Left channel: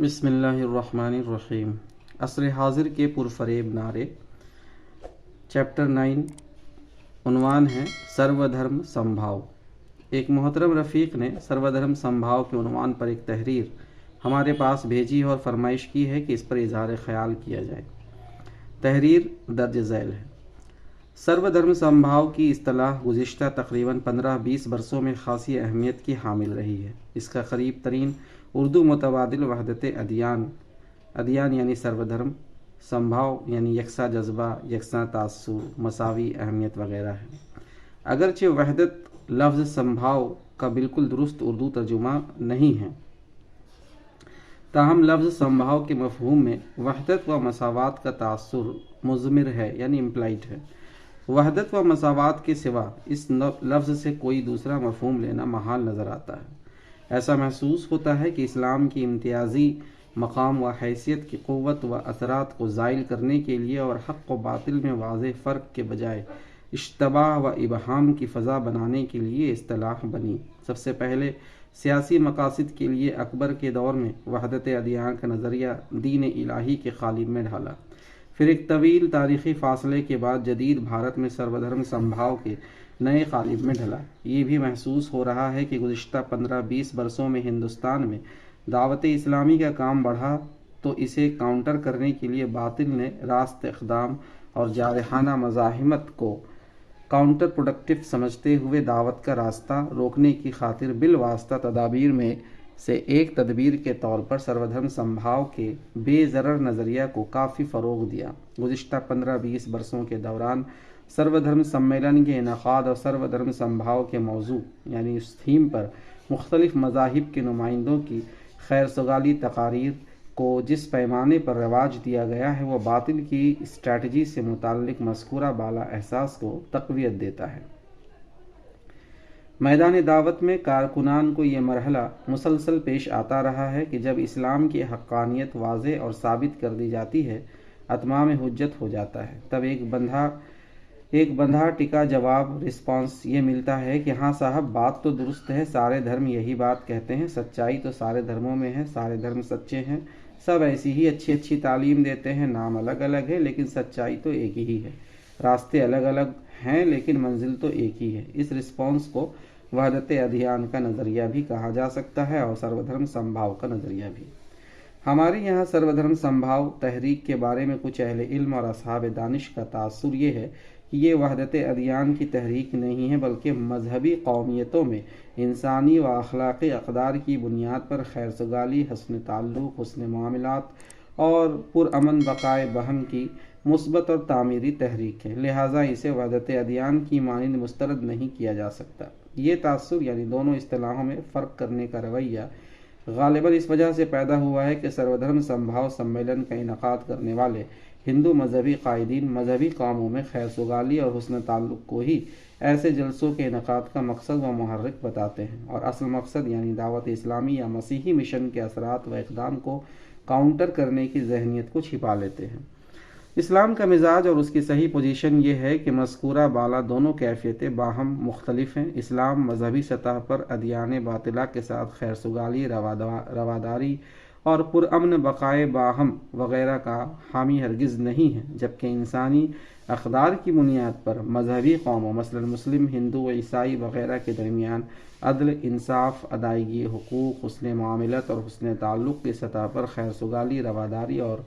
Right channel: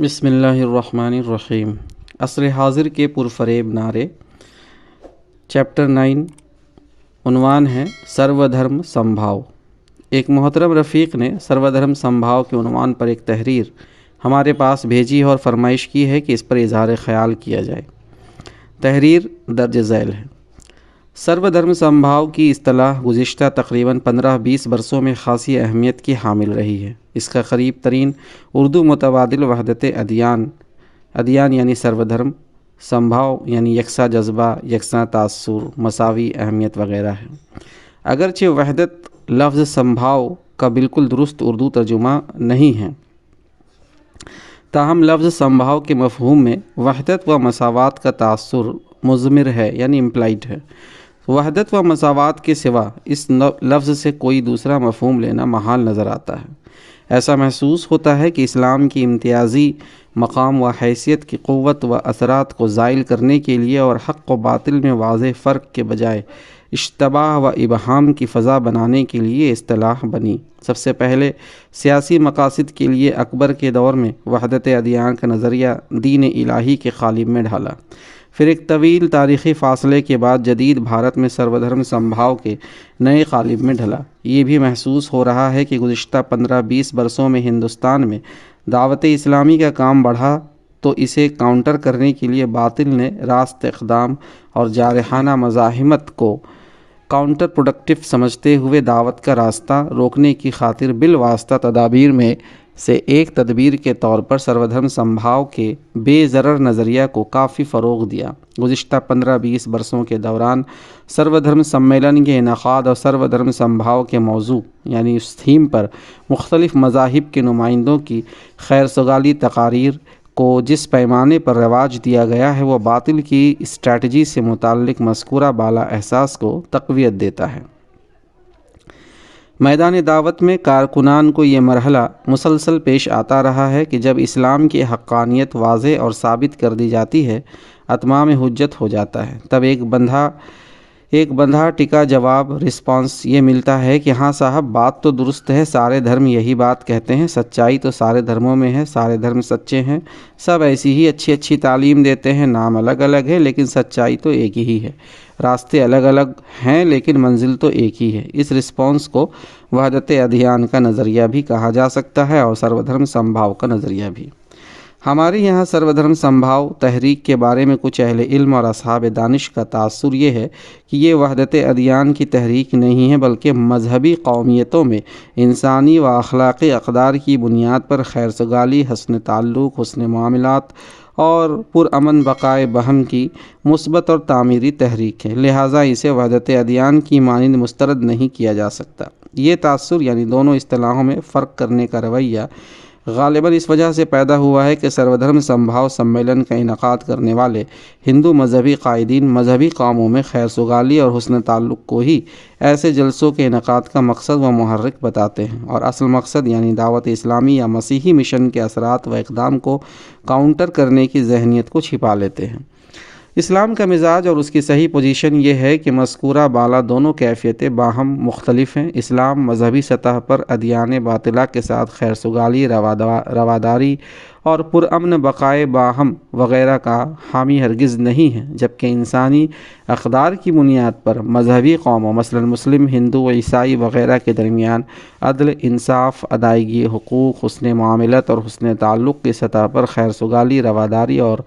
بسم اللہ الرحمن الرحیم۔ عصر حاضر کے پرفریب نعرے، چیپٹر 9، عنوان ہے سرو دھرم سمبھاؤ۔ ایک محترم رفیق نے سرو دھرم سمبھاؤ کے عنوان پر ایک تحریر ہمارے پاس بھیجی اور فرمائش کی ہے کہ اس پر اظہار خیال کیا جائے۔ تحریر درج ذیل ہے۔ سرو دھرم سمبھاؤ کی اصطلاح گزشتہ تقریباً 15-20 برسوں میں خاصی اہمیت کی حامل رہی ہے۔ اس کا قریب ترین اردو متبادل وحدت ادیان یعنی سرو دھرم، سمبھاؤ یعنی یکساں جذبہ، یکساں تاثر، مساوی اہمیت وغیرہ ہے۔ اگرچہ وحدت لفظ سمبھاؤ کا بالکل درست اردو ترجمہ نہیں ہے، تاہم لفظ سمبھاؤ کے مفہوم میں وحدت و مساوات کا تاثر مضمر ہے یعنی امپلائڈ ہے۔ وحدت و مساوات کے سوا اس لفظ سے کوئی دوسرا مفہوم لینا محال نظر آتا ہے۔ ایسا محسوس ہوتا ہے کہ اسلام کی امتیازی مقام و حیثیت کی قوت و اثرات کو زائل کرنے کے لیے اور حق و باطل میں واضح فرق کے بجائے اشتباہ و ابہام کی فضا بنانے کے لیے اصطلاح بنی۔ سب سے پہلے سیاسی مقاصد کے لیے اکبر کے دور میں وحدت ادیان کا نظریہ دین الہی کے قالب میں ڈھالا۔ پھر ایک طویل تاریخی فاصلے کے بعد جدید بھارت میں سرو دھرم سمبھاؤ کے نئے قالب میں ڈھلا۔ یہ بھی محسوس ہو رہا ہے کہ گزشتہ 15-20 برسوں میں ہندوستان میں دعوت اسلامی کا کام بڑھا تو اسے کاؤنٹر کرنے کے لیے باطل نے راست اقدام اور جارحانہ مزاحمت کو کاؤنٹر پروڈکٹیو سمجھتے ہوئے دعوت کا راستہ روکنے کی خاطر بالواسطہ تدابیر میں سے ایک تدبیر کے طور پر سرو دھرم سمبھاؤ کے بے ضرر نظریہ کو کافی فروغ دیا۔ گزشتہ 15-20 برسوں کے دوران سرو دھرم سمیلن کے انعقاد اور سرو دھرم سمبھاؤ کے موضوع یعنی اس تھیم پر مختلف مذاہب کے نمائندوں کی خیر سگالی تقاریر کو جس پیمانے پر رواج دیا گیا ہے وہ باطل کی اسٹریٹجی سے متعلق مذکورہ بالا احساس کو تقویت دیتا ہے۔ میدان دعوت میں کارکنان کو یہ مرحلہ مسلسل پیش آتا رہا ہے کہ جب اسلام کی حقانیت واضح اور ثابت کر دی جاتی ہے، اتمام حجت ہو جاتا ہے، تب ایک بندھا ٹکا جواب رسپانس یہ ملتا ہے کہ ہاں صاحب بات تو درست ہے، سارے دھرم یہی بات کہتے ہیں، سچائی تو سارے دھرموں میں ہے، سارے دھرم سچے ہیں، سب ایسی ہی اچھی تعلیم دیتے ہیں، نام الگ الگ ہے لیکن سچائی تو ایک ہی ہے، راستے الگ الگ ہیں لیکن منزل تو ایک ہی ہے۔ اس رسپانس کو وحدت ادیان کا نظریہ بھی کہا جا سکتا ہے اور سرو دھرم سمبھاؤ کا نظریہ بھی۔ ہمارے یہاں سرو دھرم سمبھاؤ تحریک کے بارے میں کچھ اہل علم اور اصحاب دانش کا تاثر یہ ہے کہ یہ وحدت ادیان کی تحریک نہیں ہے بلکہ مذہبی قومیتوں میں انسانی و اخلاقی اقدار کی بنیاد پر خیر سگالی، حسن تعلق، حسن معاملات اور پرامن بقائے باہم کی مثبت اور تعمیری تحریک ہے، لہٰذا اسے وحدت ادیان کی مانند مسترد نہیں کیا جا سکتا۔ یہ تاثر یعنی دونوں اصطلاحوں میں فرق کرنے کا رویہ غالباً اس وجہ سے پیدا ہوا ہے کہ سرو دھرم سمبھاؤ سمیلن کا انعقاد کرنے والے ہندو مذہبی قائدین مذہبی کاموں میں خیر سگالی اور حسن تعلق کو ہی ایسے جلسوں کے انعقاد کا مقصد و محرک بتاتے ہیں اور اصل مقصد یعنی دعوت اسلامی یا مسیحی مشن کے اثرات و اقدام کو کاؤنٹر کرنے کی ذہنیت کو چھپا لیتے ہیں۔ اسلام کا مزاج اور اس کی صحیح پوزیشن یہ ہے کہ مذکورہ بالا دونوں کیفیتیں باہم مختلف ہیں۔ اسلام مذہبی سطح پر ادیان باطلہ کے ساتھ خیر سگالی، رواداری اور پرامن بقائے باہم وغیرہ کا حامی ہرگز نہیں ہے، جبکہ انسانی اقدار کی بنیاد پر مذہبی قوموں مثلاً مسلم، ہندو و عیسائی وغیرہ کے درمیان عدل، انصاف، ادائیگی حقوق، حسن معاملت اور حسن تعلق کی سطح پر خیر سگالی، رواداری اور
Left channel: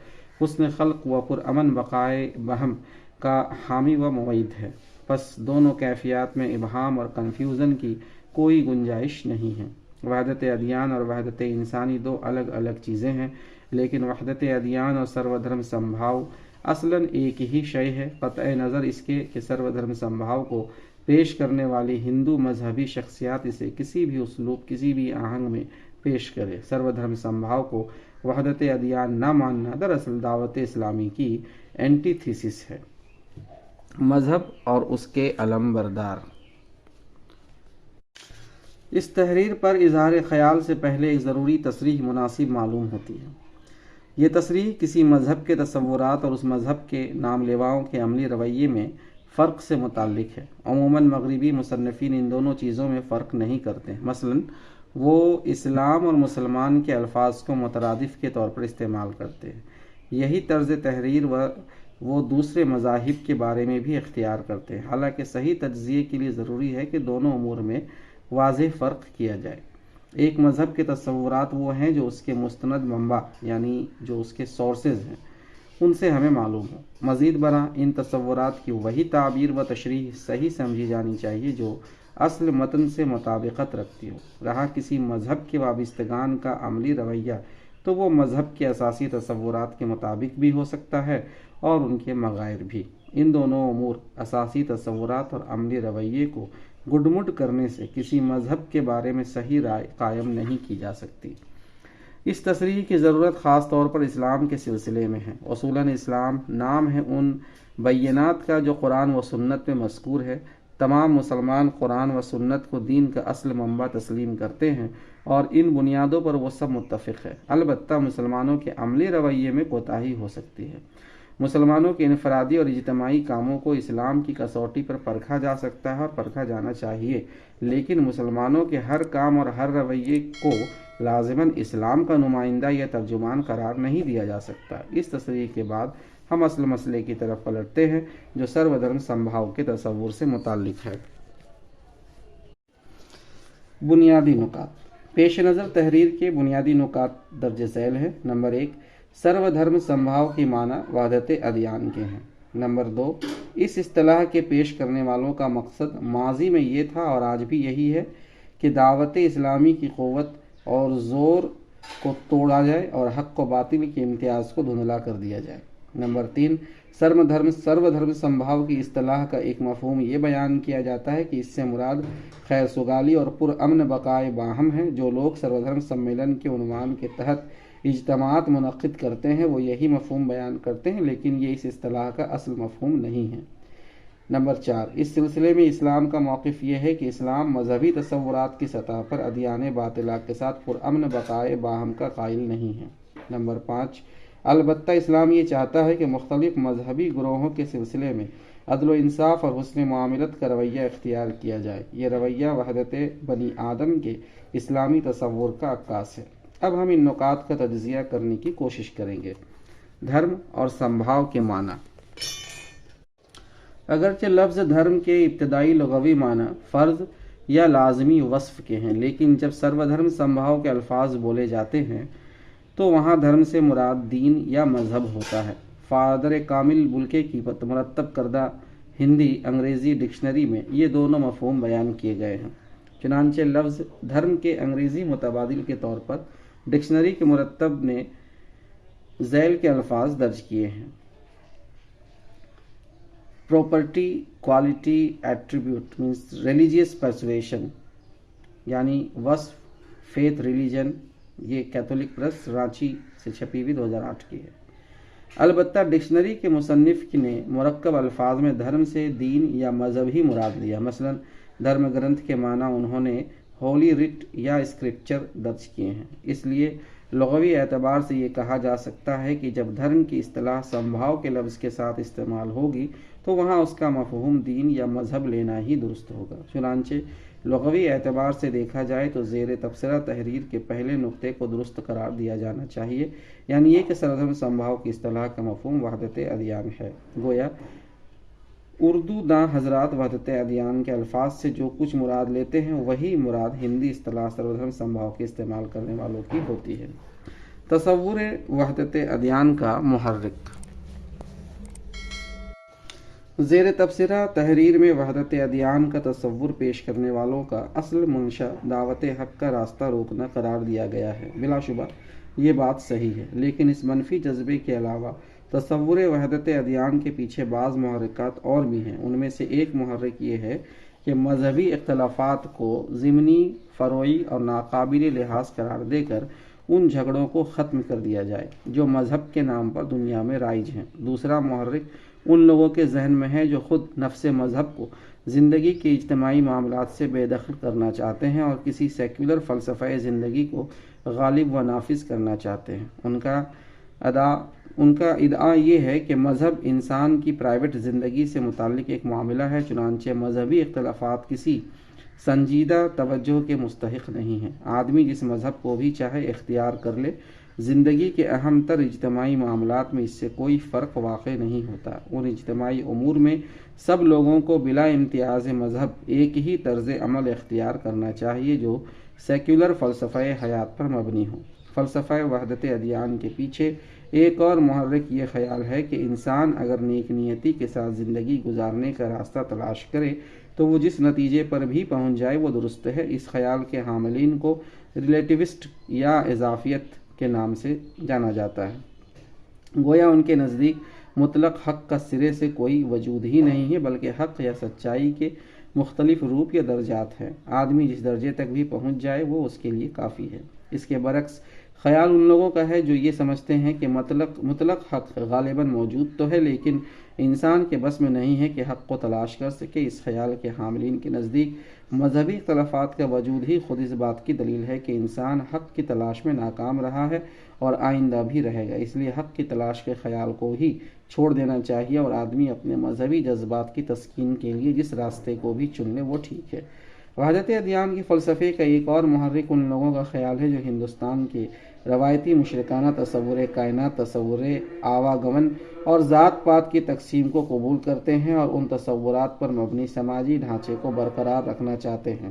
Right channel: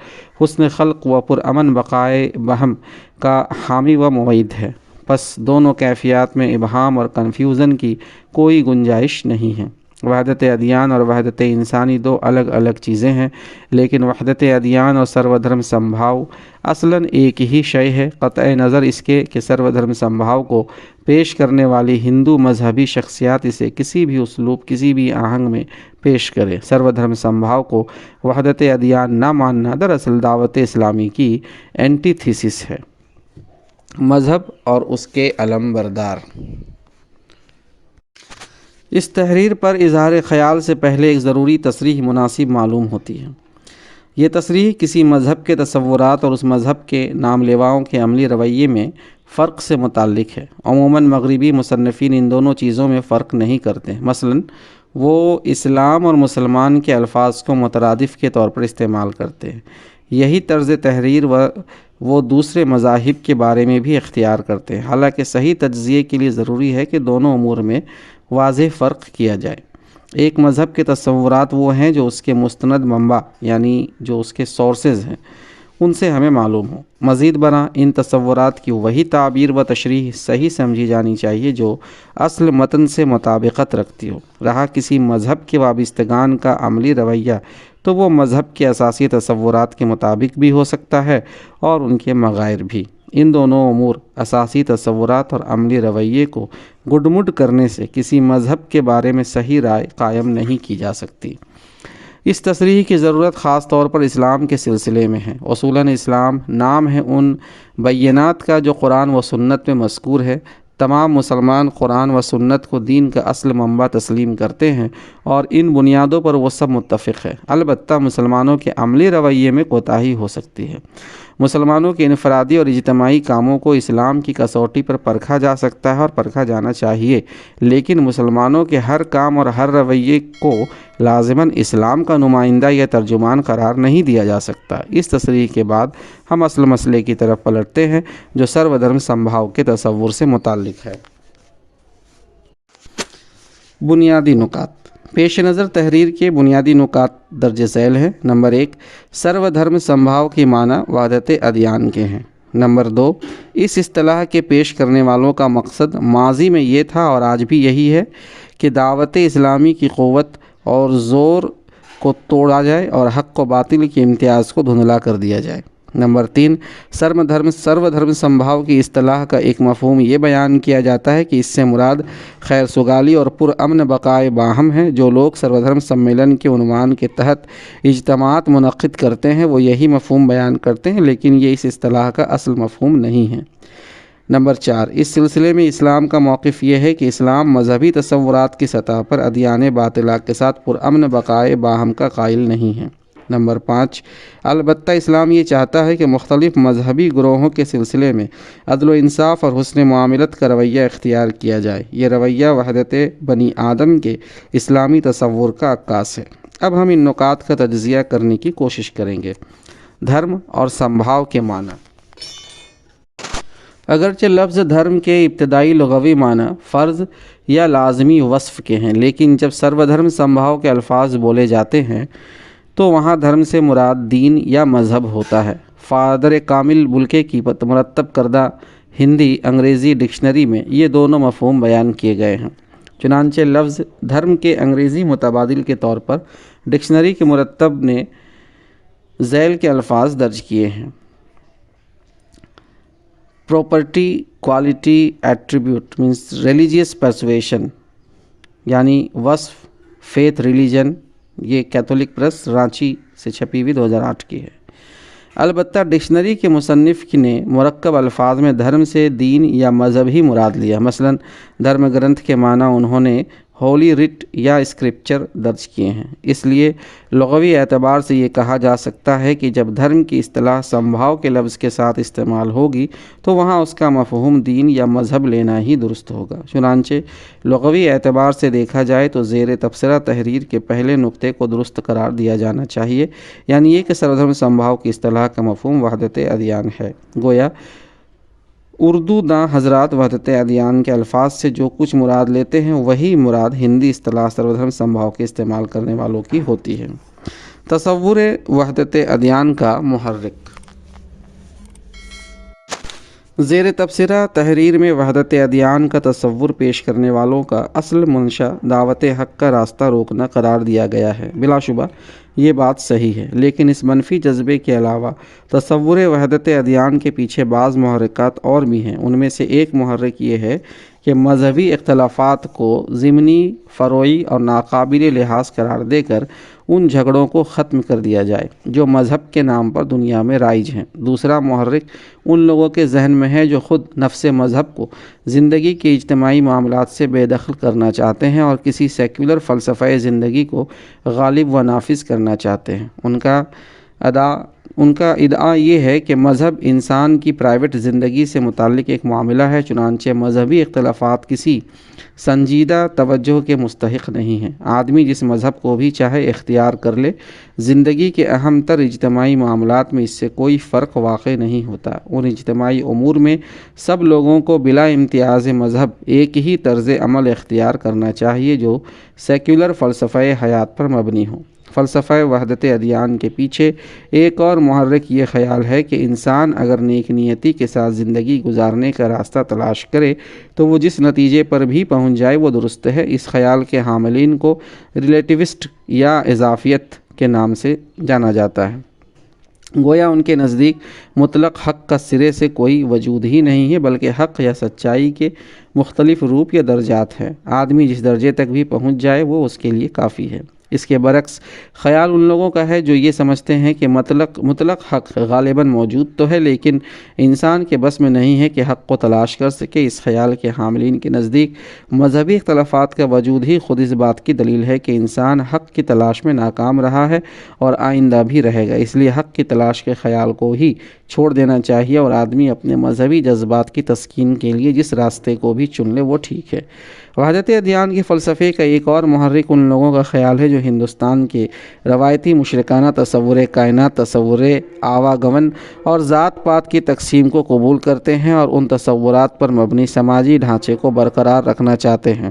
حسن خلق و پرامن بقائے باہم کا حامی و معید ہے۔ پس دونوں کیفیات میں ابہام اور کنفیوژن کی کوئی گنجائش نہیں ہے۔ وحدت ادیان اور وحدت انسانی دو الگ الگ چیزیں ہیں، لیکن وحدت ادیان اور سرو دھرم سمبھاؤ اصلاً ایک ہی شے ہے، قطع نظر اس کے کہ سرو دھرم سمبھاؤ کو پیش کرنے والی ہندو مذہبی شخصیات اسے کسی بھی اسلوب، کسی بھی آہنگ میں پیش کرے۔ سرو دھرم سمبھاؤ کو وحدت ادیان نہ ماننا دراصل دعوت اسلامی کی اینٹی تھیسس ہے۔ مذہب اور اس کے علم بردار۔ اس تحریر پر اظہار خیال سے پہلے ایک ضروری تصریح مناسب معلوم ہوتی ہے۔ یہ تصریح کسی مذہب کے تصورات اور اس مذہب کے نام لیواؤں کے عملی رویے میں فرق سے متعلق ہے۔ عموماً مغربی مصنفین ان دونوں چیزوں میں فرق نہیں کرتے۔ مثلاً وہ اسلام اور مسلمان کے الفاظ کو مترادف کے طور پر استعمال کرتے ہیں۔ یہی طرز تحریر وہ دوسرے مذاہب کے بارے میں بھی اختیار کرتے ہیں، حالانکہ صحیح تجزیے کے لیے ضروری ہے کہ دونوں امور میں واضح فرق کیا جائے۔ ایک مذہب کے تصورات وہ ہیں جو اس کے مستند منبع یعنی جو اس کے سورسز ہیں ان سے ہمیں معلوم ہو۔ مزید برآں ان تصورات کی وہی تعبیر و تشریح صحیح سمجھی جانی چاہیے جو اصل متن سے مطابقت رکھتی ہو۔ رہا کسی مذہب کے وابستگان کا عملی رویہ تو وہ مذہب کے اساسی تصورات کے مطابق بھی ہو سکتا ہے اور ان کے مغائر بھی۔ ان دونوں امور اساسی تصورات اور عملی رویے کو گڈمڈ کرنے سے کسی مذہب کے بارے میں صحیح رائے قائم نہیں کی جا سکتی۔ اس تصریح کی ضرورت خاص طور پر اسلام کے سلسلے میں ہے۔ اصولاً اسلام نام ہے ان بینات کا جو قرآن و سنت میں مذکور ہے۔ تمام مسلمان قرآن و سنت کو دین کا اصل منبع تسلیم کرتے ہیں اور ان بنیادوں پر وہ سب متفق ہے۔ البتہ مسلمانوں کے عملی رویے میں کوتاہی ہو سکتی ہے۔ مسلمانوں کے انفرادی اور اجتماعی کاموں کو اسلام کی کسوٹی پر پرکھا جا سکتا ہے اور پرکھا جانا چاہیے، لیکن مسلمانوں کے ہر کام اور ہر رویے کو لازماً اسلام کا نمائندہ یا ترجمان قرار نہیں دیا جا سکتا۔ اس تصریح کے بعد ہم اصل مسئلے کی طرف پلٹتے ہیں جو سرو دھرم سمبھاو کے تصور سے متعلق ہے۔ بنیادی نکات۔ پیش نظر تحریر کے بنیادی نکات درج ذیل ہیں۔ نمبر 1، سرو دھرم سمبھاو کی معنی وحدت ادیان کے ہیں۔ نمبر 2، اس اصطلاح کے پیش کرنے والوں کا مقصد ماضی میں یہ تھا اور آج بھی یہی ہے کہ دعوت اسلامی کی قوت اور زور کو توڑا جائے اور حق و باطل کے امتیاز کو دھندلا کر دیا جائے۔ نمبر 3، سرو دھرم سمبھاو کی اصطلاح کا ایک مفہوم یہ بیان کیا جاتا ہے کہ اس سے مراد خیر سگالی اور پرامن بقائے باہم ہے۔ جو لوگ سرو دھرم سمیلن کے عنوان کے تحت اجتماعات منعقد کرتے ہیں وہ یہی مفہوم بیان کرتے ہیں، لیکن یہ اس اصطلاح کا اصل مفہوم نہیں ہے۔ نمبر 4، اس سلسلے میں اسلام کا موقف یہ ہے کہ اسلام مذہبی تصورات کی سطح پر ادیان باطلہ کے ساتھ پرامن بقائے باہم کا قائل نہیں ہے۔ نمبر 5، البتہ اسلام یہ چاہتا ہے کہ مختلف مذہبی گروہوں کے سلسلے میں عدل و انصاف اور حسن معاملت کا رویہ اختیار کیا جائے۔ یہ رویہ وحدت بنی آدم کے اسلامی تصور کا عکاس ہے۔ اب ہم ان نکات کا تجزیہ کرنے کی کوشش کریں گے۔ دھرم اور سمبھاو کے معنی۔ اگرچہ لفظ دھرم کے ابتدائی لغوی معنی فرض یا لازمی وصف کے ہیں، لیکن جب سرو دھرم سمبھاو کے الفاظ بولے جاتے ہیں تو وہاں دھرم سے مراد دین یا مذہب ہوتا ہے۔ فادر کامل بلکے کی مرتب کردہ ہندی انگریزی ڈکشنری میں یہ دونوں مفہوم بیان کیے گئے ہیں۔ چنانچہ لفظ دھرم کے انگریزی متبادل کے طور پر ڈکشنری کے مرتب نے ذیل کے الفاظ درج کیے ہیں: property, quality, attribute means religious persuasion یعنی وصف، فیتھ، ریلیجن۔ یہ کیتھولک پریس رانچی سے چھپی ہوئی 2008 کی ہے۔ البتہ ڈکشنری کے مصنف نے مرکب الفاظ میں دھرم سے دین یا مذہب ہی مراد لیا۔ مثلاً دھرم گرنتھ کے معنی انہوں نے ہولی رٹ یا اسکرپچر درج کیے ہیں۔ اس لیے لغوی اعتبار سے یہ کہا جا سکتا ہے کہ جب دھرم کی اصطلاح سمبھاو کے لفظ کے ساتھ استعمال ہوگی تو وہاں اس کا مفہوم دین یا مذہب لینا ہی درست ہوگا۔ چنانچہ لغوی اعتبار سے دیکھا جائے تو زیر تبصرہ تحریر کے پہلے نقطے کو درست قرار دیا جانا چاہیے، یعنی یہ کہ سرو دھرم سمبھاو کی اصطلاح کا مفہوم وحدت ادیان ہے۔ گویا اردو داں حضرات وحدت ادیان کے الفاظ سے جو کچھ مراد لیتے ہیں وہی مراد ہندی اصطلاح سرو دھرم سمبھاو کے استعمال کرنے والوں کی ہوتی ہے۔ تصور وحدت ادیان کا محرک۔ زیر تبصرہ تحریر میں وحدت ادیان کا تصور پیش کرنے والوں کا اصل منشا دعوت حق کا راستہ روکنا قرار دیا گیا ہے۔ بلا شبہ یہ بات صحیح ہے، لیکن اس منفی جذبے کے علاوہ تصور وحدت ادیان کے پیچھے بعض محرکات اور بھی ہیں۔ ان میں سے ایک محرک یہ ہے کہ مذہبی اختلافات کو ضمنی، فروعی اور ناقابل لحاظ قرار دے کر ان جھگڑوں کو ختم کر دیا جائے جو مذہب کے نام پر دنیا میں رائج ہیں۔ دوسرا محرک ان لوگوں کے ذہن میں ہے جو خود نفس مذہب کو زندگی کے اجتماعی معاملات سے بے دخل کرنا چاہتے ہیں اور کسی سیکولر فلسفہ زندگی کو غالب و نافذ کرنا چاہتے ہیں۔ ان کا ادعا یہ ہے کہ مذہب انسان کی پرائیویٹ زندگی سے متعلق ایک معاملہ ہے، چنانچہ مذہبی اختلافات کسی سنجیدہ توجہ کے مستحق نہیں ہیں۔ آدمی جس مذہب کو بھی چاہے اختیار کر لے، زندگی کے اہم تر اجتماعی معاملات میں اس سے کوئی فرق واقع نہیں ہوتا۔ ان اجتماعی امور میں سب لوگوں کو بلا امتیاز مذہب ایک ہی طرز عمل اختیار کرنا چاہیے جو سیکولر فلسفہ حیات پر مبنی ہو۔ فلسفہ وحدت ادیان کے پیچھے ایک اور محرک یہ خیال ہے کہ انسان اگر نیک نیتی کے ساتھ زندگی گزارنے کا راستہ تلاش کرے تو وہ جس نتیجے پر بھی پہنچ جائے وہ درست ہے۔ اس خیال کے حاملین کو ریلیٹیوسٹ یا اضافیت کے نام سے جانا جاتا ہے۔ گویا ان کے نزدیک مطلق حق کا سرے سے کوئی وجود ہی نہیں ہے، بلکہ حق یا سچائی کے مختلف روپ یا درجات ہیں۔ آدمی جس درجے تک بھی پہنچ جائے وہ اس کے لیے کافی ہے۔ اس کے برعکس خیال ان لوگوں کا ہے جو یہ سمجھتے ہیں کہ مطلق حق غالباً موجود تو ہے لیکن انسان کے بس میں نہیں ہے کہ حق کو تلاش کر سکے۔ اس خیال کے حاملین کے نزدیک مذہبی اختلافات کا وجود ہی خود اس بات کی دلیل ہے کہ انسان حق کی تلاش میں ناکام رہا ہے اور آئندہ بھی رہے گا، اس لیے حق کی تلاش کے خیال کو ہی چھوڑ دینا چاہیے اور آدمی اپنے مذہبی جذبات کی تسکین کے لیے جس راستے کو بھی چن لے وہ ٹھیک ہے۔ وحدت ادیان کے فلسفے کا ایک اور محرک ان لوگوں کا خیال ہے جو ہندوستان کے روایتی مشرکانہ تصور کائنات، تصور آواگمن اور ذات پات کی تقسیم کو قبول کرتے ہیں اور ان تصورات پر مبنی سماجی ڈھانچے کو برقرار رکھنا چاہتے ہیں۔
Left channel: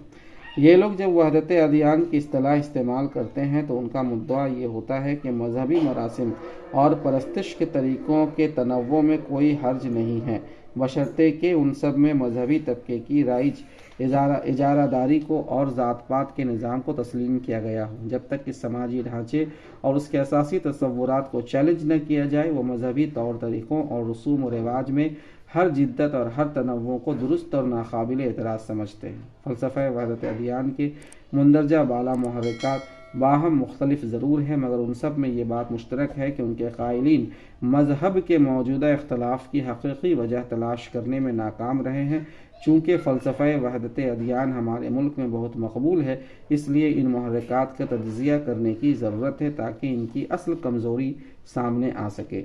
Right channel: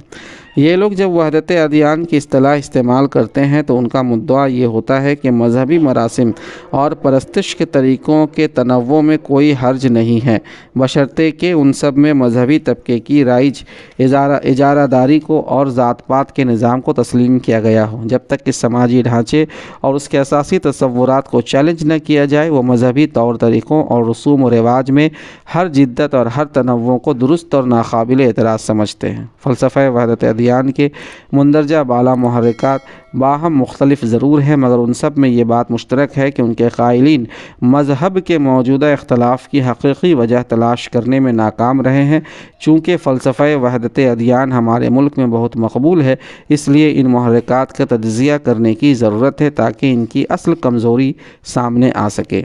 یہ لوگ جب وحدت ادیان کی اصطلاح استعمال کرتے ہیں تو ان کا مدعا یہ ہوتا ہے کہ مذہبی مراسم اور پرستش کے طریقوں کے تنوع میں کوئی حرج نہیں ہے، بشرطے کہ ان سب میں مذہبی طبقے کی رائج اجارہ داری کو اور ذات پات کے نظام کو تسلیم کیا گیا ہو۔ جب تک کہ سماجی ڈھانچے اور اس کے اساسی تصورات کو چیلنج نہ کیا جائے، وہ مذہبی طور طریقوں اور رسوم و رواج میں ہر جدت اور ہر تنوع کو درست اور ناقابل اعتراض سمجھتے ہیں۔ فلسفہ وحدت ادیان کے مندرجہ بالا محرکات باہم مختلف ضرور ہیں، مگر ان سب میں یہ بات مشترک ہے کہ ان کے قائلین مذہب کے موجودہ اختلاف کی حقیقی وجہ تلاش کرنے میں ناکام رہے ہیں۔ چونکہ فلسفہ وحدت ادیان ہمارے ملک میں بہت مقبول ہے، اس لیے ان محرکات کا تجزیہ کرنے کی ضرورت ہے تاکہ ان کی اصل کمزوری سامنے آ سکے۔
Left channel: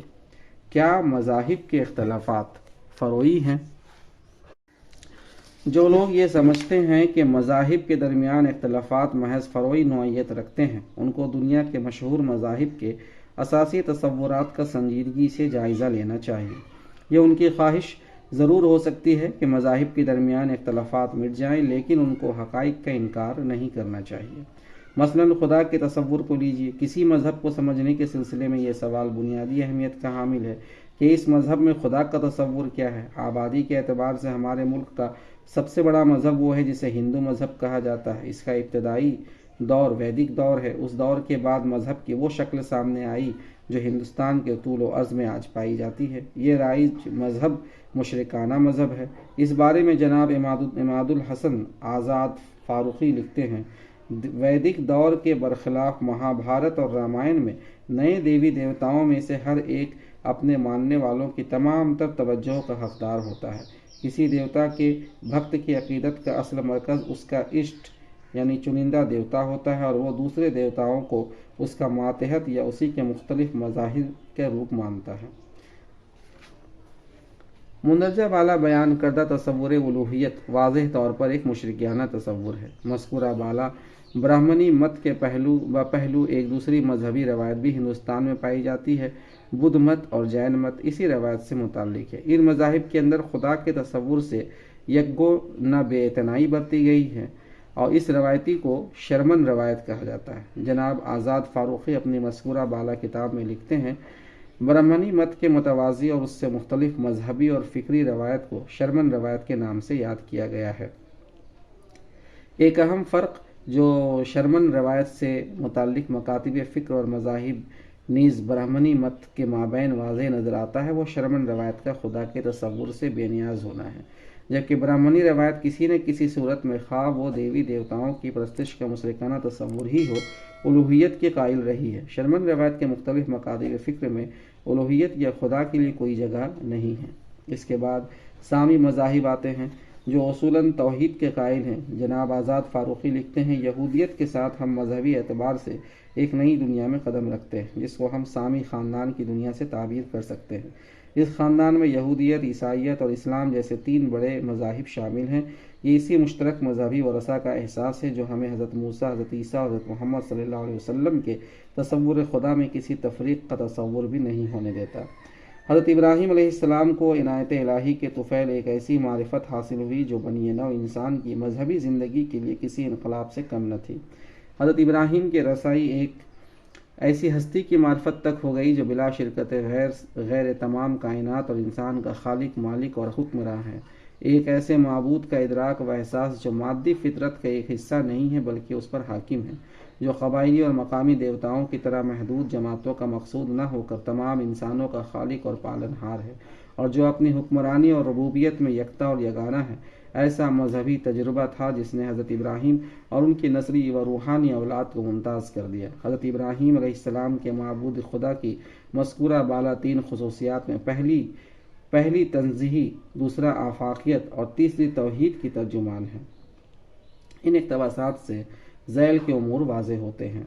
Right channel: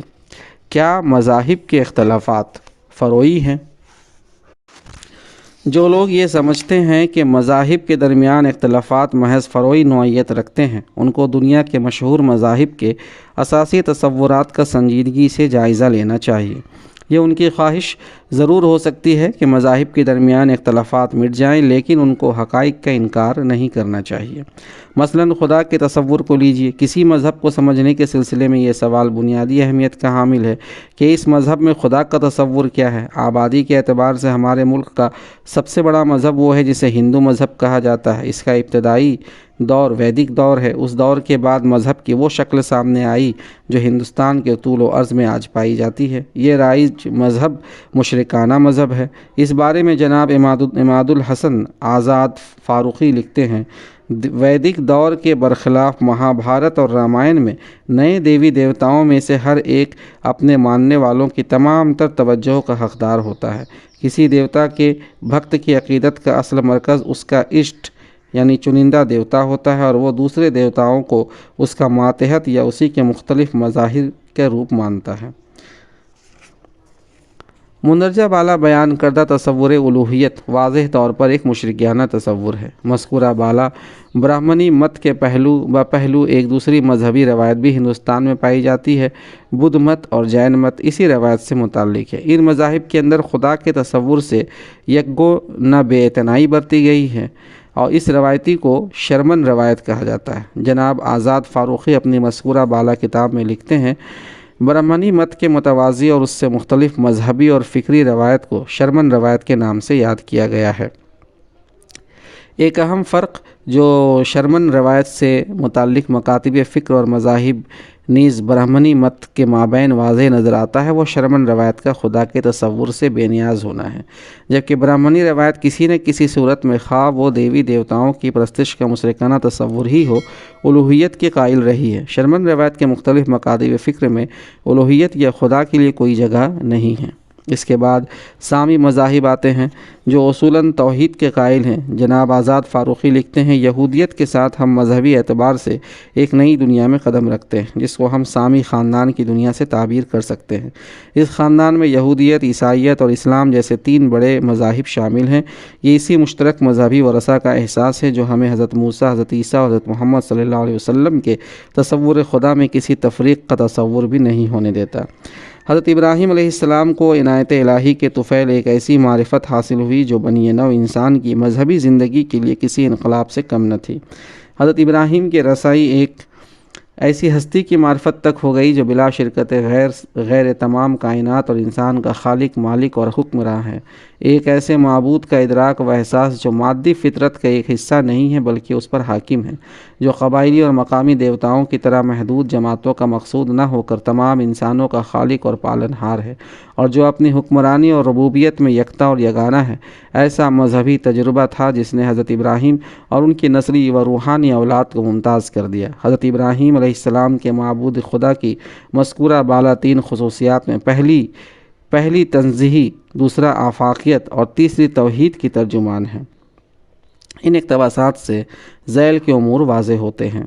کیا مذاہب کے اختلافات فروعی ہیں؟ جو لوگ یہ سمجھتے ہیں کہ مذاہب کے درمیان اختلافات محض فروعی نوعیت رکھتے ہیں، ان کو دنیا کے مشہور مذاہب کے اساسی تصورات کا سنجیدگی سے جائزہ لینا چاہیے۔ یہ ان کی خواہش ضرور ہو سکتی ہے کہ مذاہب کے درمیان اختلافات مٹ جائیں، لیکن ان کو حقائق کا انکار نہیں کرنا چاہیے۔ مثلاً خدا کے تصور کو لیجیے۔ کسی مذہب کو سمجھنے کے سلسلے میں یہ سوال بنیادی اہمیت کا حامل ہے کہ اس مذہب میں خدا کا تصور کیا ہے۔ آبادی کے اعتبار سے ہمارے ملک کا سب سے بڑا مذہب وہ ہے جسے ہندو مذہب کہا جاتا ہے۔ اس کا ابتدائی دور ویدک دور ہے۔ اس دور کے بعد مذہب کی وہ شکل سامنے آئی جو ہندوستان کے طول و عرض میں آج پائی جاتی ہے۔ یہ رائج مذہب مشرکانہ مذہب ہے۔ اس بارے میں جناب عماد الحسن آزاد فاروقی لکھتے ہیں، ویدک دور کے برخلاف مہابھارت اور رامائن میں نئے دیوی دیوتاؤں میں سے ہر ایک اپنے ماننے والوں کی تمام تر توجہ کا حقدار ہوتا ہے۔ کسی دیوتا کے بھکت کی عقیدت کا اصل مرکز اس کا اشٹ یعنی چنندہ دیوتا ہوتا ہے اور وہ دوسرے دیوتاؤں کو اس کا ماتحت یا اسی کے مختلف مظاہر کے روپ مانتا ہے۔ مندرجہ بالا بیان کردہ تصور الوہیت واضح طور پر ایک مشرکانہ تصور ہے۔ مذکورہ بالا برہمنی مت کے پہلو ایک دوسری مذہبی روایت بھی ہندوستان میں پائی جاتی ہے۔ بدھ مت اور جین مت اسی روایت سے متعلق ہے۔ ان مذاہب کے اندر خدا کے تصور سے یکگو نہ بے اعتنائی برتی گئی ہے اور اس روایتی کو شرمن روایت کہا جاتا ہے۔ جناب آزاد فاروقی اپنی مذکورہ بالا کتاب میں لکھتے ہیں، برہمنی مت کے متوازی اور اس سے مختلف مذہبی اور فکری روایت کو شرمن روایت کے نام سے یاد کیا گیا ہے۔ ایک اہم فرق جو شرمن روایت سے متعلق مکاتب فکر اور مذاہب نیز برہمنی مت کے مابین واضح نظر آتا ہے وہ شرمن روایت کا خدا کے تصور سے بے نیاز ہونا ہے، جبکہ برہمنی روایت کسی نہ کسی صورت میں خواہ وہ دیوی دیوتاؤں کی پرستش کا مشرکانہ تصور ہی ہو، الوہیت کے قائل رہی ہے۔ شرمن روایت کے مختلف مکاتب فکر میں الوہیت یا خدا کے لیے کوئی جگہ نہیں ہے۔ اس کے بعد سامی مذاہب آتے ہیں جو اصولاً توحید کے قائل ہیں۔ جناب آزاد فاروقی لکھتے ہیں، یہودیت کے ساتھ ہم مذہبی اعتبار سے ایک نئی دنیا میں قدم رکھتے ہیں جس کو ہم سامی خاندان کی دنیا سے تعبیر کر سکتے ہیں۔ اس خاندان میں یہودیت، عیسائیت اور اسلام جیسے 3 بڑے مذاہب شامل ہیں۔ یہ اسی مشترک مذہبی ورثہ کا احساس ہے جو ہمیں حضرت موسیٰ، حضرت عیسیٰ اور حضرت محمد صلی اللہ علیہ وسلم کے تصور خدا میں کسی تفریق کا تصور بھی نہیں ہونے دیتا۔ حضرت ابراہیم علیہ السلام کو عنایت الہی کے طفیل ایک ایسی معرفت حاصل ہوئی جو بنی نوع انسان کی مذہبی زندگی کے لیے کسی انقلاب سے کم نہ تھی۔ حضرت ابراہیم کی رسائی ایک ایسی ہستی کی معرفت تک ہو گئی جو بلا شرکت غیر تمام کائنات اور انسان کا خالق، مالک اور حکمراں ہے۔ ایک ایسے معبود کا ادراک و احساس جو مادی فطرت کا ایک حصہ نہیں ہے بلکہ اس پر حاکم ہے، جو قبائلی اور مقامی دیوتاؤں کی طرح محدود جماعتوں کا مقصود نہ ہو کر تمام انسانوں کا خالق اور پالنہار ہے، اور جو اپنی حکمرانی اور ربوبیت میں یکتا اور یگانہ ہے۔ ایسا مذہبی تجربہ تھا جس نے حضرت ابراہیم اور ان کی نسلی و روحانی اولاد کو ممتاز کر دیا۔ حضرت ابراہیم علیہ السلام کے معبود خدا کی مذکورہ بالا 3 خصوصیات میں پہلی تنزیہی، دوسرا آفاقیت اور تیسری توحید کی ترجمان ہے۔ ان اقتباسات سے ذیل کے امور واضح ہوتے ہیں۔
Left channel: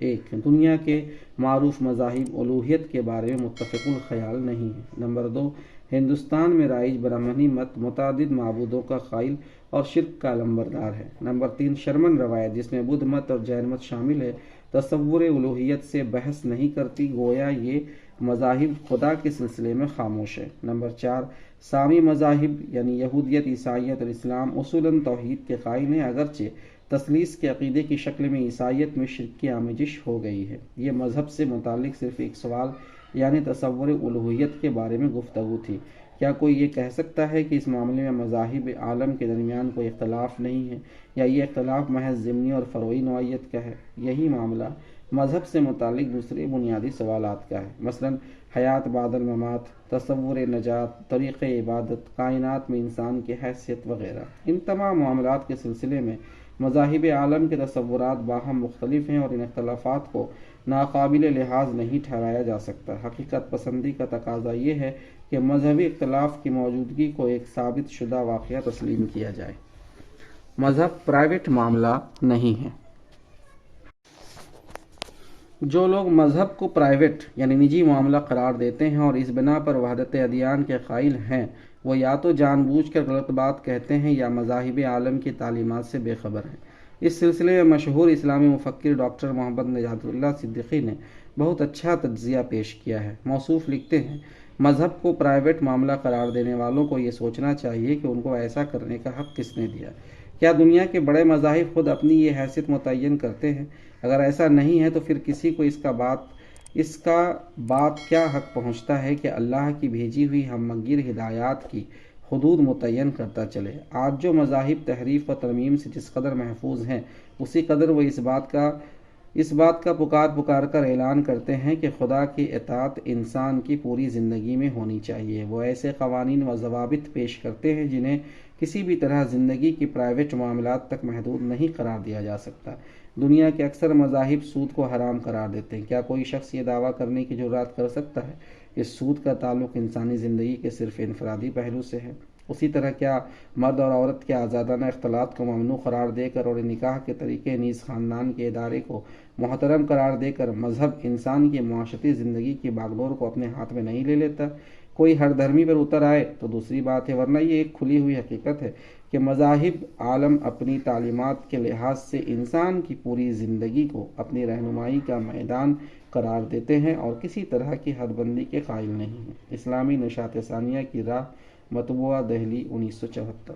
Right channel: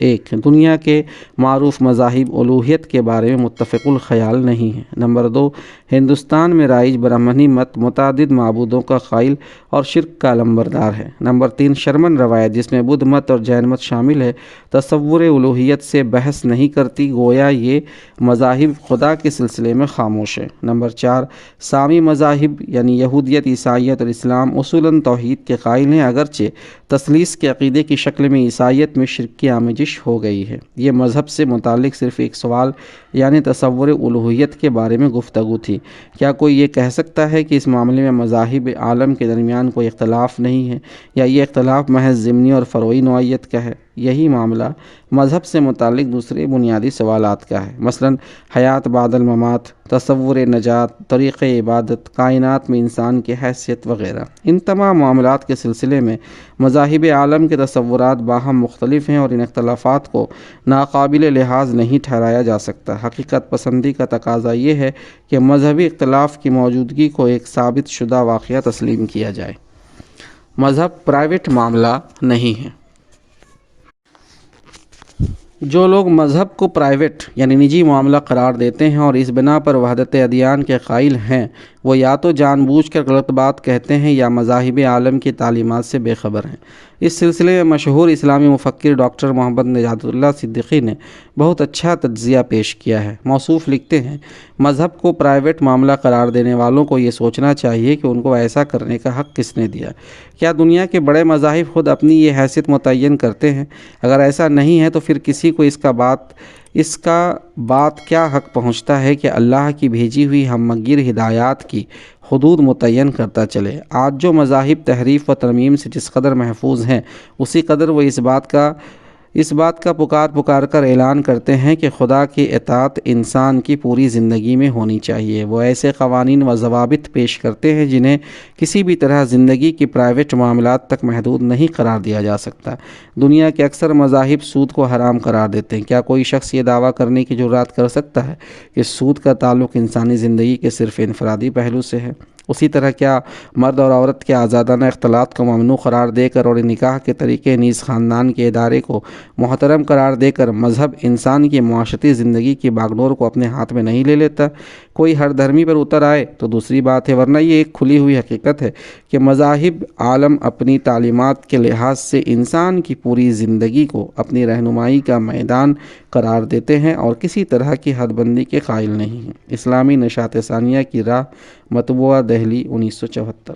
1. دنیا کے معروف مذاہب الوہیت کے بارے میں متفق الخیال نہیں ہیں۔ نمبر 2. ہندوستان میں رائج برہمنی مت متعدد معبودوں کا قائل اور شرک کا علمبردار ہے۔ نمبر 3. شرمن روایت جس میں بدھ مت اور جین مت شامل ہے تصور الوہیت سے بحث نہیں کرتی، گویا یہ مذاہب خدا کے سلسلے میں خاموش ہے۔ نمبر 4. سامی مذاہب یعنی یہودیت، عیسائیت اور اسلام اصولاً توحید کے قائل ہیں، اگرچہ تثلیث کے عقیدے کی شکل میں عیسائیت میں شرک کی آمیزش ہو گئی ہے۔ یہ مذہب سے متعلق صرف ایک سوال یعنی تصور الوہیت کے بارے میں گفتگو تھی۔ کیا کوئی یہ کہہ سکتا ہے کہ اس معاملے میں مذاہب عالم کے درمیان کوئی اختلاف نہیں ہے، یا یہ اختلاف محض ضمنی اور فروعی نوعیت کا ہے؟ یہی معاملہ مذہب سے متعلق دوسرے بنیادی سوالات کا ہے، مثلا حیات بعد الممات، تصور نجات، طریق عبادت، کائنات میں انسان کی حیثیت وغیرہ۔ ان تمام معاملات کے سلسلے میں مذاہب عالم کے تصورات باہم مختلف ہیں اور ان اختلافات کو ناقابل لحاظ نہیں ٹھہرایا جا سکتا۔ حقیقت پسندی کا تقاضا یہ ہے کہ مذہبی اختلاف کی موجودگی کو ایک ثابت شدہ واقعہ تسلیم کیا جائے۔ مذہب پرائیویٹ معاملہ نہیں ہے۔ جو لوگ مذہب کو پرائیویٹ یعنی نجی معاملہ قرار دیتے ہیں اور اس بنا پر وحدت ادیان کے قائل ہیں، وہ یا تو جان بوجھ کر غلط بات کہتے ہیں یا مذاہب عالم کی تعلیمات سے بے خبر ہیں۔ اس سلسلے میں مشہور اسلامی مفکر ڈاکٹر محمد نجات اللہ صدیقی نے بہت اچھا تجزیہ پیش کیا ہے۔ موصوف لکھتے ہیں، مذہب کو پرائیویٹ معاملہ قرار دینے والوں کو یہ سوچنا چاہیے کہ ان کو ایسا کرنے کا حق کس نے دیا؟ کیا دنیا کے بڑے مذاہب خود اپنی یہ حیثیت متعین کرتے ہیں؟ اگر ایسا نہیں ہے تو پھر کسی کو اس کا بات کیا حق پہنچتا ہے کہ اللہ کی بھیجی ہوئی ہم مگیر ہدایات کی حدود متعین کرتا چلے؟ آج جو مذاہب تحریف و ترمیم سے جس قدر محفوظ ہیں، اسی قدر وہ اس بات کا پکار کر اعلان کرتے ہیں کہ خدا کی اطاعت انسان کی پوری زندگی میں ہونی چاہیے۔ وہ ایسے قوانین و ضوابط پیش کرتے ہیں جنہیں کسی بھی طرح زندگی کی پرائیویٹ معاملات تک محدود نہیں قرار دیا جا سکتا۔ دنیا کے اکثر مذاہب سود کو حرام قرار دیتے ہیں۔ کیا کوئی شخص یہ دعویٰ کرنے کی جرات کر سکتا ہے کہ سود کا تعلق انسانی زندگی کے صرف انفرادی پہلو سے ہے؟ اسی طرح کیا مرد اور عورت کے آزادانہ اختلاط کو ممنوع قرار دے کر اور نکاح کے طریقے نیز خاندان کے ادارے کو محترم قرار دے کر مذہب انسان کی معاشرتی زندگی کی باگڈور کو اپنے ہاتھ میں نہیں لے لیتا؟ کوئی ہر دھرمی پر اتر آئے تو دوسری بات ہے، ورنہ یہ ایک کھلی ہوئی حقیقت ہے کہ مذاہب عالم اپنی تعلیمات کے لحاظ سے انسان کی پوری زندگی کو اپنی رہنمائی کا میدان قرار دیتے ہیں اور کسی طرح کی حد بندی کے قائل نہیں ہیں۔ اسلامی نشاط ثانیہ کی راہ، مطبوعہ دہلی 1974۔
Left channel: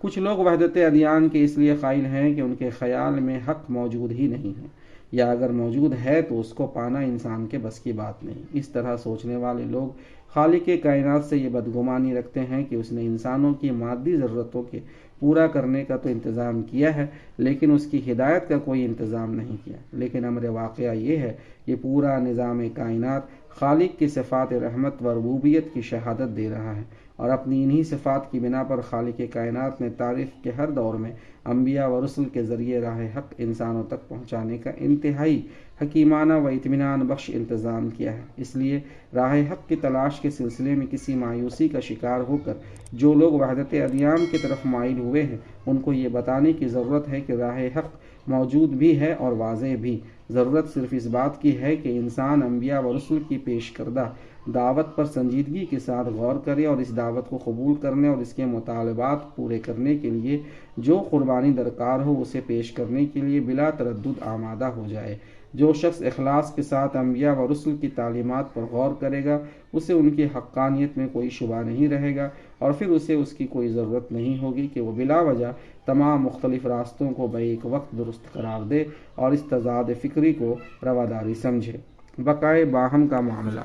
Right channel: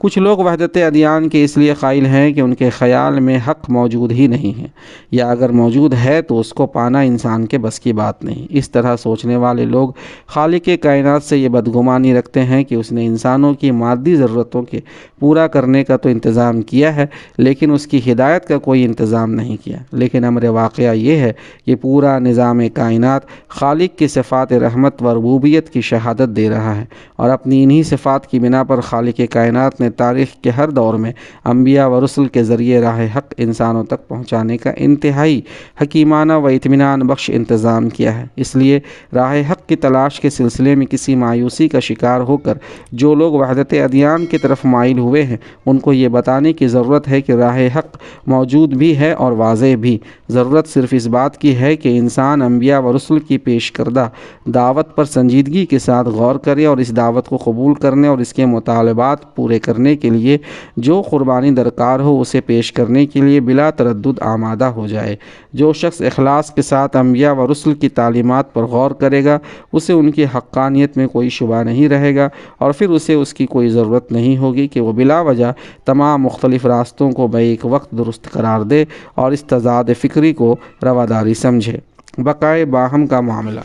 کچھ لوگ وحدت ادیان کے اس لیے قائل ہیں کہ ان کے خیال میں حق موجود ہی نہیں ہے، یا اگر موجود ہے تو اس کو پانا انسان کے بس کی بات نہیں۔ اس طرح سوچنے والے لوگ خالق کائنات سے یہ بدگمانی رکھتے ہیں کہ اس نے انسانوں کی مادی ضرورتوں کے پورا کرنے کا تو انتظام کیا ہے لیکن اس کی ہدایت کا کوئی انتظام نہیں کیا۔ لیکن امر واقعہ یہ ہے کہ پورا نظام کائنات خالق کی صفات رحمت و ربوبیت کی شہادت دے رہا ہے، اور اپنی انہی صفات کی بنا پر خالق کائنات نے نے تاریخ کے ہر دور میں انبیاء و رسل کے ذریعے راہ حق انسانوں تک پہنچانے کا انتہائی حکیمانہ و اطمینان بخش انتظام کیا ہے۔ اس لیے راہ حق کی تلاش کے سلسلے میں کسی مایوسی کا شکار ہو کر جو لوگ وحدت ادیان کی طرف مائل ہوئے ہیں ان کو یہ بتانے کی ضرورت ہے کہ راہ حق موجود بھی ہے اور واضح بھی۔ ضرورت صرف اس بات کی ہے کہ انسان انبیاء و رسل کی پیش کردہ دعوت پر سنجیدگی کے ساتھ غور کرے اور اس دعوت کو قبول کرنے اور اس کے مطالبات پورے کرنے کے لیے جو قربانی درکار ہو اسے پیش کرنے کے لیے بلا تردد آمادہ ہو جائے۔ جو شخص اخلاص کے ساتھ انبیاء و رسل کی تعلیمات پر غور کرے گا اسے ان کی حقانیت میں کوئی شبہ نہیں رہے گا اور پھر اسے اس کی کوئی ضرورت نہیں ہوگی کہ وہ بلا وجہ تمام مختلف راستوں کو بیک وقت درست قرار دے اور اس تضاد فکری کو رواداری سمجھے۔ بقائے باہم کا معاملہ۔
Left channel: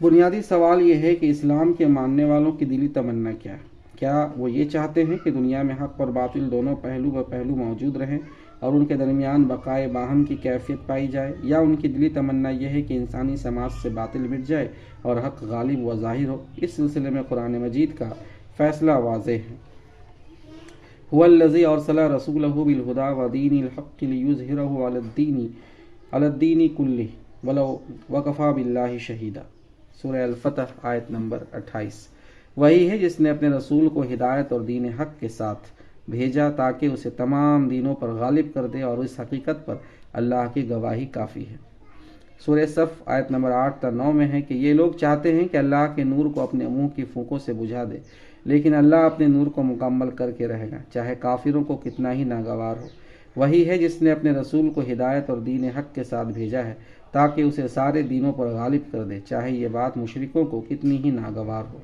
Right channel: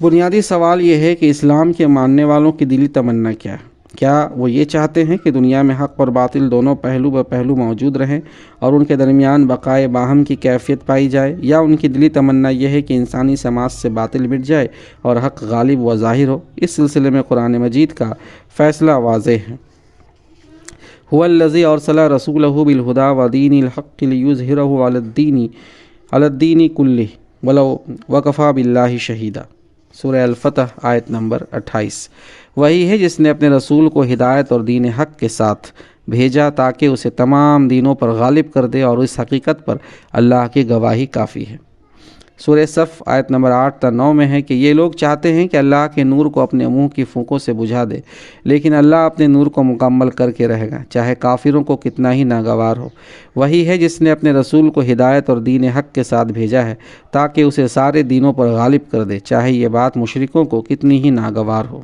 بنیادی سوال یہ ہے کہ اسلام کے ماننے والوں کی دلی تمنا کیا ہے؟ کیا وہ یہ چاہتے ہیں کہ دنیا میں حق اور باطل دونوں پہلو بہ پہلو موجود رہیں اور ان کے درمیان بقائے باہم کی کیفیت پائی جائے، یا ان کی دلی تمنا یہ ہے کہ انسانی سماج سے باطل مٹ جائے اور حق غالب و ظاہر ہو؟ اس سلسلے میں قرآن مجید کا فیصلہ واضح ہے۔ هو الذی ارسل رسولہ بالہدی ودین الحق لیظہرہ علی الدین کلہ ولو وکفی باللہ شہیدا۔ سورہ الفتح آیت نمبر 28۔ وہی ہے جس نے اپنے رسول کو ہدایت اور دین حق کے ساتھ بھیجا تاکہ اسے تمام دینوں پر غالب کر دے، اور اس حقیقت پر اللہ کی گواہی کافی ہے۔ سورہ صف آیت نمبر 8 تا 9 میں ہے کہ یہ لوگ چاہتے ہیں کہ اللہ کے نور کو اپنے منہ کی پھونکوں سے بجھا دے، لیکن اللہ اپنے نور کو مکمل کر کے رہے گا، چاہے کافروں کو کتنا ہی ناگوار ہو۔ وہی ہے جس نے اپنے رسول کو ہدایت اور دین حق کے ساتھ بھیجا ہے تاکہ اسے سارے دینوں پر غالب کر دے، چاہے یہ بات مشرکوں کو کتنی ہی ناگوار ہو۔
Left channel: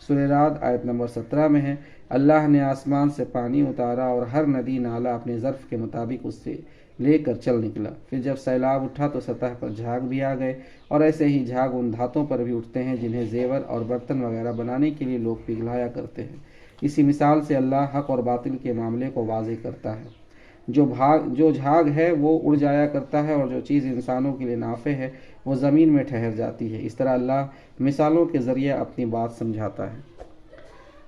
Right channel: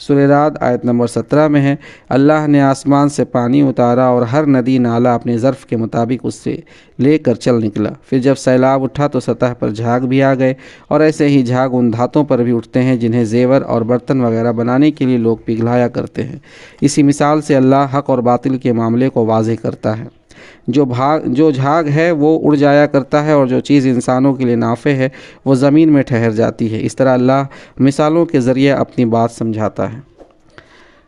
سورہ رعد آیت نمبر 17 میں ہے اللہ نے آسمان سے پانی اتارا اور ہر ندی نالہ اپنے ظرف کے مطابق اس سے لے کر چل نکلا، پھر جب سیلاب اٹھا تو سطح پر جھاگ بھی آ گئے، اور ایسے ہی جھاگ ان دھاتوں پر بھی اٹھتے ہیں جنہیں زیور اور برتن وغیرہ بنانے کے لیے لوگ پگھلایا کرتے ہیں۔ اسی مثال سے اللہ حق اور باطل کے معاملے کو واضح کرتا ہے۔ جو جھاگ ہے وہ اڑ جایا کرتا ہے، اور جو چیز انسانوں کے لیے نافع ہے وہ زمین میں ٹھہر جاتی ہے۔ اس طرح اللہ مثالوں کے ذریعے اپنی بات سمجھاتا ہے۔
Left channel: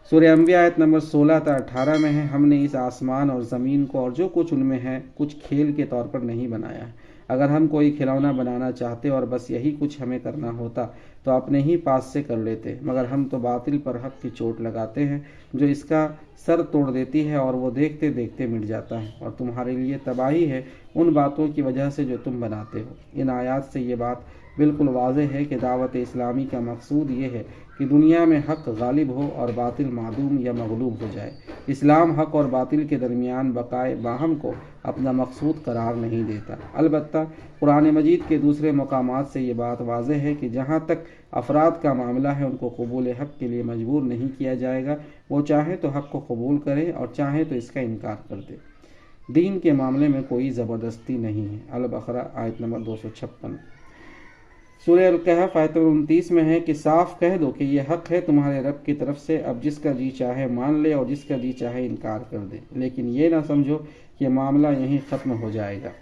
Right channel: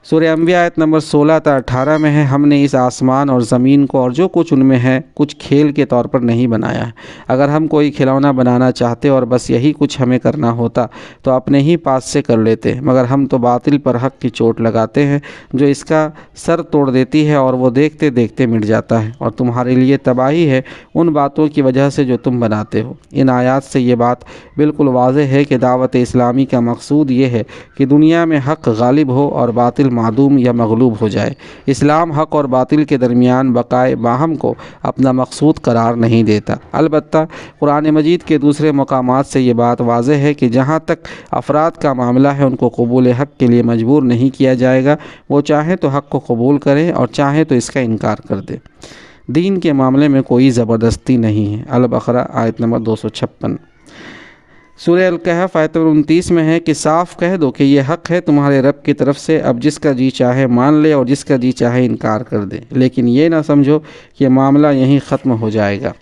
سورہ انبیاء آیت نمبر 16 تا 18 میں ہے ہم نے اس آسمان اور زمین کو اور جو کچھ ان میں ہے کچھ کھیل کے طور پر نہیں بنایا ہے۔ اگر ہم کوئی کھلونا بنانا چاہتے اور بس یہی کچھ ہمیں کرنا ہوتا تو اپنے ہی پاس سے کر لیتے، مگر ہم تو باطل پر حق کی چوٹ لگاتے ہیں جو اس کا سر توڑ دیتی ہے اور وہ دیکھتے دیکھتے مٹ جاتا ہے، اور تمہارے لیے تباہی ہے ان باتوں کی وجہ سے جو تم بناتے ہو۔ ان آیات سے یہ بات بالکل واضح ہے کہ دعوت اسلامی کا مقصود یہ ہے کہ دنیا میں حق غالب ہو اور باطل معدوم یا مغلوب ہو جائے۔ اسلام حق اور باطل کے درمیان بقائے باہم کو اپنا مقصود قرار نہیں دیتا۔ البتہ قرآن مجید کے دوسرے مقامات سے یہ بات واضح ہے کہ جہاں تک افراد کا معاملہ ہے ان کو قبول حق کے لیے مجبور نہیں کیا جائے گا، وہ چاہیں تو حق کو قبول کریں اور چاہیں تو اس کا انکار کر دیں۔ دین کے معاملے میں کوئی زبردستی نہیں ہے۔ البقرہ آیت نمبر 256۔ سورہ الکہف آیت نمبر 29 میں ہے کہ صاف کہہ دو کہ یہ حق ہے تمہارے رب کی طرف سے، اب جس کا جی چاہے مان لے اور جس کا جی چاہے انکار کر دے، لیکن یہ نہ سمجھو کہ معاملہ یہیں ختم ہو جائے گا،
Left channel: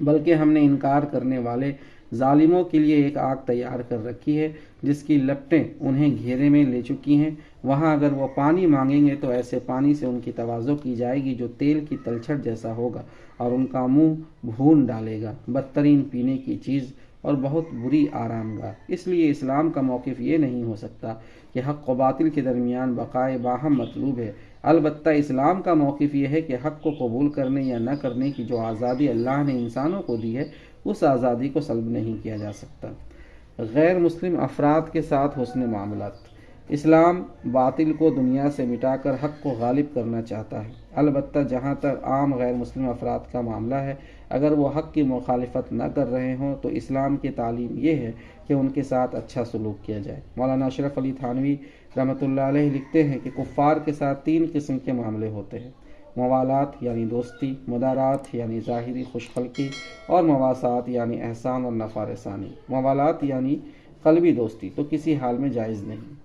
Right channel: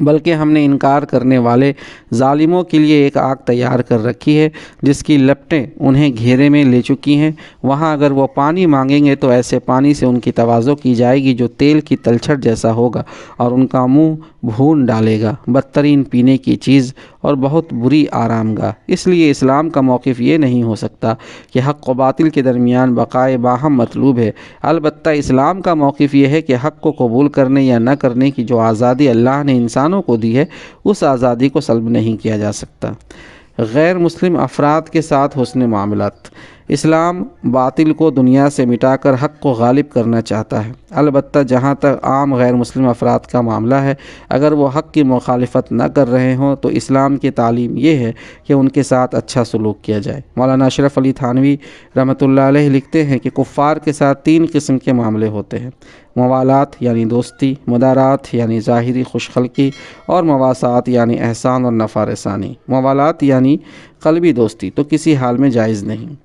بلکہ ہم نے انکار کرنے والے ظالموں کے لیے ایک آگ تیار کر رکھی ہے جس کی لپٹیں انہیں گھیرے میں لے چکی ہیں۔ وہاں اگر وہ پانی مانگیں گے تو ایسے پانی سے ان کی تواضع کی جائے گی جو تیل کی تلچھٹ جیسا ہوگا اور ان کا منہ بھون ڈالے گا، بدترین پینے کی چیز اور بہت بری آرام گاہ۔ اس لیے اسلام کا موقف یہ نہیں ہو سکتا کہ حق و باطل کے درمیان بقائے باہم مطلوب ہے، البتہ اسلام کا موقف یہ ہے کہ حق کو قبول کرنے یا نہ کرنے کی جو آزادی اللہ نے انسانوں کو دی ہے اس آزادی کو سلب نہیں کیا جا سکتا۔ غیر مسلم افراد کے ساتھ حسن معاملات۔ اسلام باطل کو دنیا سے مٹا کر حق کو غالب کرنا چاہتا ہے، البتہ جہاں تک عام غیر مسلم افراد کا معاملہ ہے اگر وہ حق کی مخالفت نہ کر رہے ہوں تو اسلام کی تعلیم یہ ہے کہ ان کے ساتھ اچھا سلوک کیا جائے۔ مولانا اشرف علی تھانوی رحمۃ اللہ علیہ لکھتے ہیں کہ کفار کے ساتھ 3 قسم کے معاملے ہوتے ہیں: موالات یعنی دوستی، مدارات یعنی ظاہری خوش خلقی، اور مواسات یعنی احسان اور نفع رسانی۔ موالات یعنی قلبی دوستی تو کسی حال میں جائز نہیں۔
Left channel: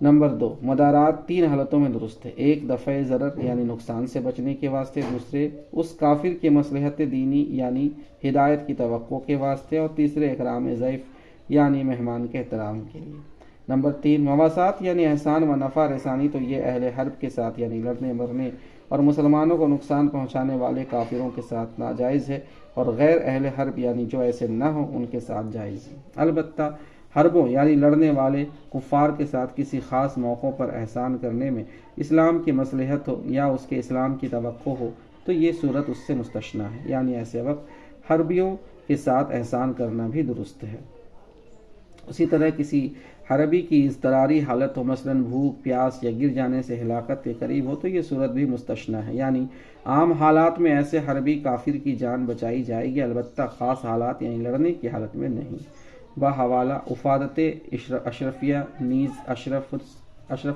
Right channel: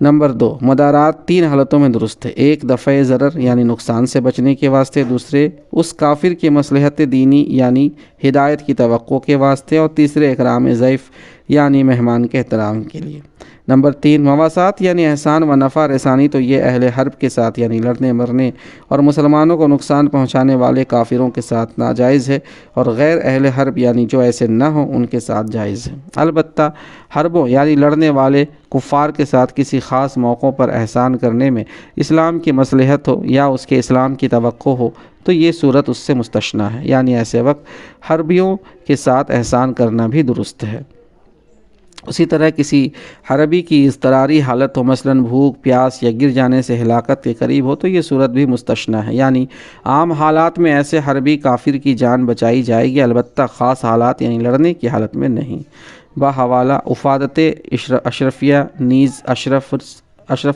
نمبر 2، مدارات 3 حالتوں میں درست ہے: ایک دفع ضرر یعنی نقصان سے بچنے کے واسطے، دوسرے اس کافر کی مصلحت دینی یعنی ہدایت کی توقع کے واسطے، اور تیسرے اکرام ضیف یعنی مہمان کے احترام کے لیے۔ نمبر 3، مواسات یعنی احسان و نفع رسانی، تو یہ اہل حرب کے ساتھ یعنی لڑنے مرنے اور مسلمانوں کو نقصان پہنچانے والے کافروں کے ساتھ ناجائز ہے، اور غیر اہل حرب یعنی جو ایسے نہ ہوں ان کے ساتھ جائز ہے۔ البتہ حربوں یعنی لڑنے والے کفار کے ساتھ کسی خاص موقعوں پر احسان کرنے میں اسلام کی مصلحت ہو یا اس کے اسلام کی توقع ہو تو یہ صورت اس سے مستثنیٰ ہے، یعنی ایسے وقت حربیوں کے ساتھ احسان کرنا بھی درست ہے۔ اسی طرح کسی حربی کی اضطراری حالت ہو، مثلا بھوک پیاس یا گر جانے سے ہلاکت کے قریب ہو، تو یہ صورت بھی مستثنیٰ ہے، یعنی عام حالات میں ایسے حربی کافر کی جان بچائی جائے گی، البتہ خاص حالات یعنی لڑنے کی حالت میں نہیں۔ بحوالہ افادت اشرفیہ نیز اشرف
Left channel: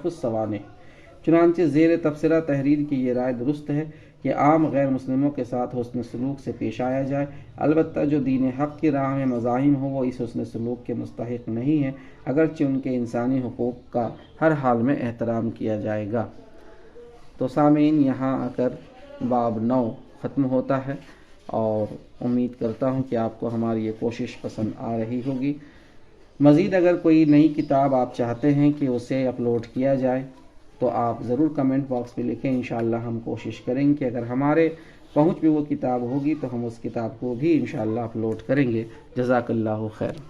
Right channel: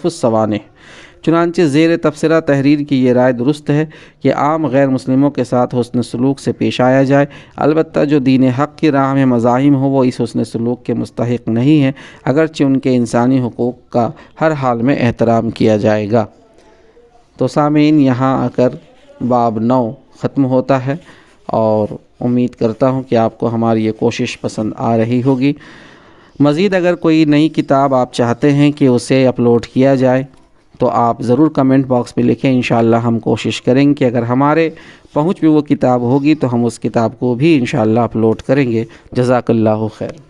السوانح، چنانچہ زیر تبصرہ تحریر کی یہ رائے درست ہے کہ عام غیر مسلموں کے ساتھ حسن سلوک سے پیش آیا جائے، البتہ جو دین حق کی راہ میں مزاحم ہو وہ اس حسن سلوک کے مستحق نہیں ہیں، اگرچہ ان کے انسانی حقوق کا ہر حال میں احترام کیا جائے گا۔ تو سامعین، یہاں آ کر باب 9 ختم ہوتا ہے، اور امید کرتا ہوں کہ آپ کو ہماری یہ کوشش پسند آ رہی ہوگی۔ مزید اگر کوئی نئی کتاب آپ چاہتے ہیں کہ اسے اپلوڈ کیا جائے تو آپ ضرور کمنٹ باکس میں لکھیں، انشاءاللہ ہم کوشش کریں کہ اگر ہمارے پہنچ میں وہ کتاب ہوگی تو ہم اس کتاب کو بھی انشاءاللہ اپلوڈ کریں گے۔ جزاک اللہ خیر۔